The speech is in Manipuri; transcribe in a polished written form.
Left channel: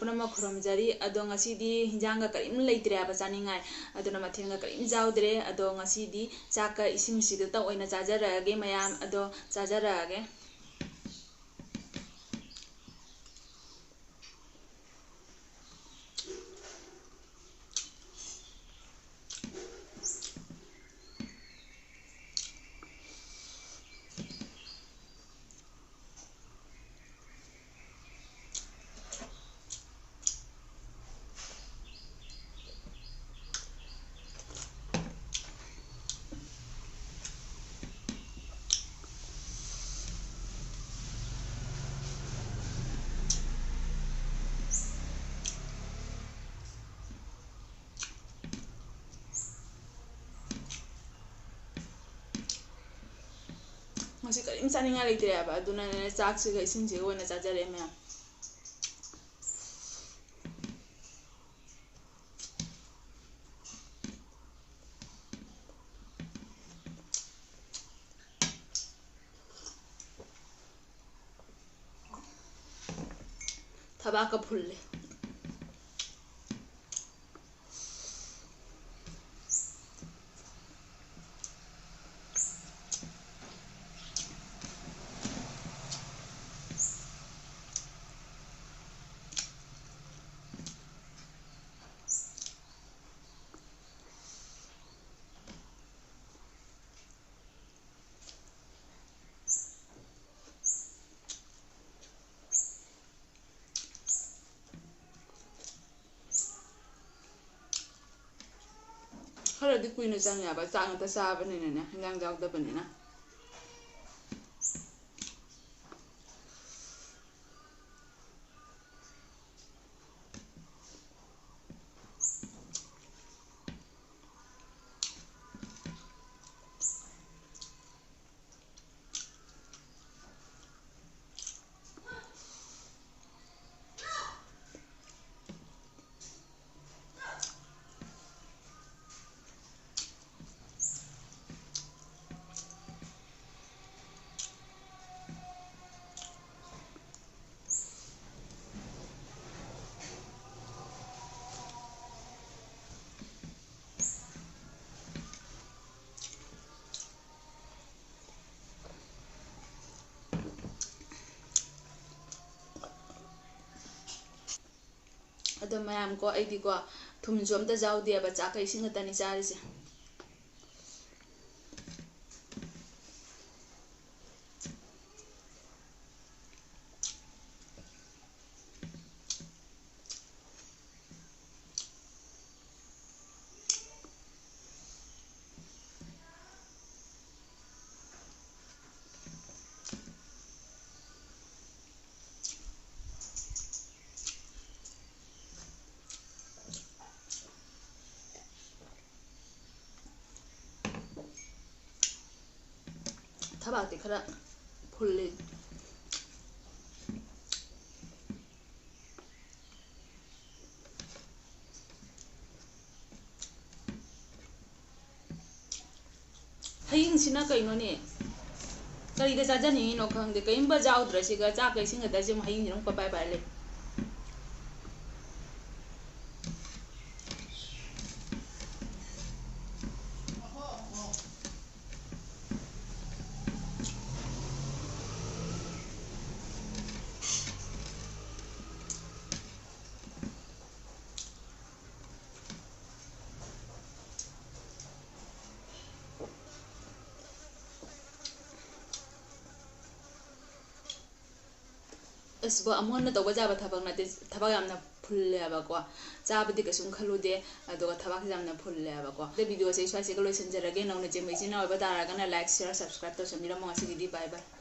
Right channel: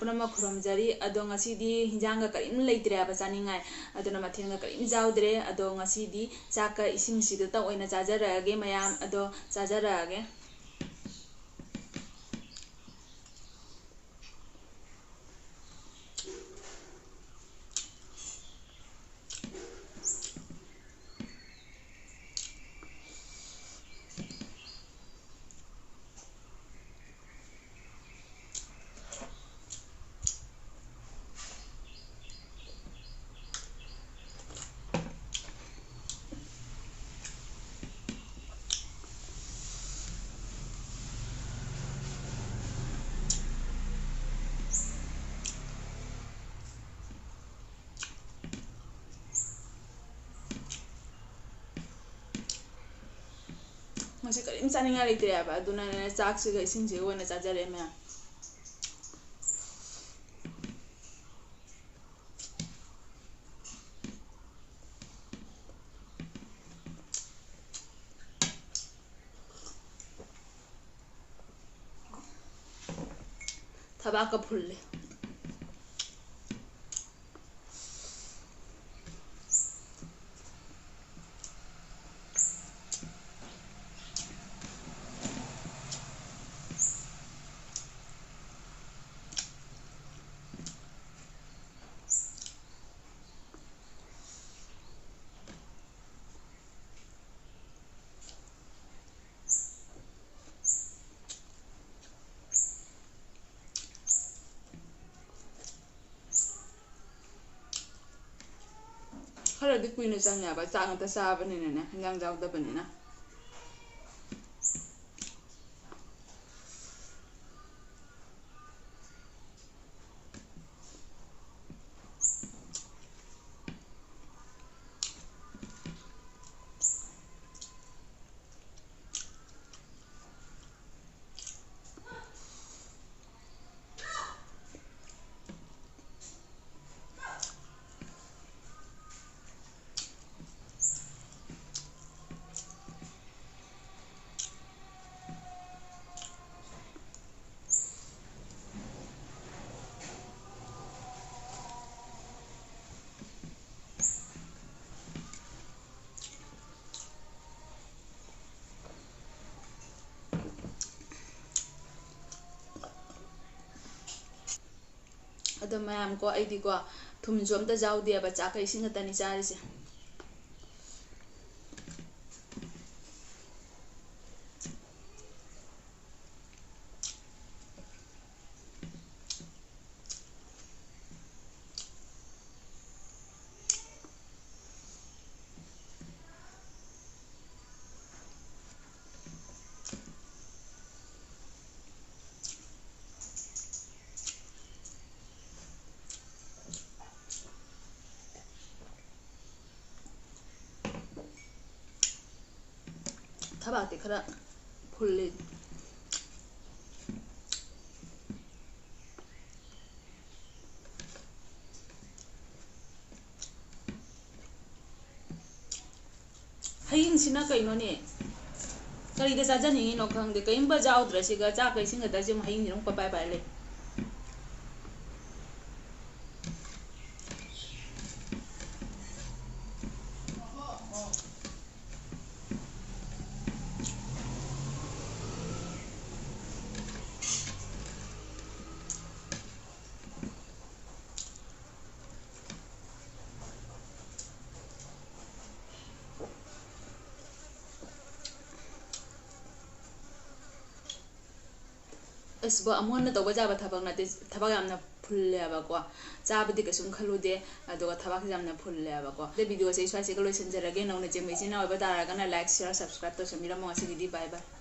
पुनम खुरमजरी अदो ngasidi hinjanga karim leitre aba chaningai aduna mathenga karim jaudre ado ngasidi chaka ising sida ta oina chajarage mayam ado chajarage ngasi karim chaninga leitre aba aduna ne chak siga ising siga oina chajare mayam tabaka phulle खरदी कुइनो चंग याबा चांग त साबने ने हिंजांग जाउदा बने ना अदो मैम को आईदी को थुम जोम त जाउ दिया बच्चा का इसिंग तनी चारी से थबाते खरा फुल्ले हयिंग सिना कइनो ने करिदा चाजनी नो खंगदे कइंबा जाउद्रसिगा चा कइसिंग दा जिम हयिंग जिनो पपाय पाले इसबो अमोन तब जाबा थबक नते थबक यामना फुल्ले अबको चाबदि कसुम खलुदे अदोगा थबक यामना फुल्ले अबको दे वीडियो से स्वासे को लोइसन जरगे नौने जेमैसिना ओबा तारागना लाइक शेयर सब्सक्राइब तो समिरा मसिगिदि बाय बाय।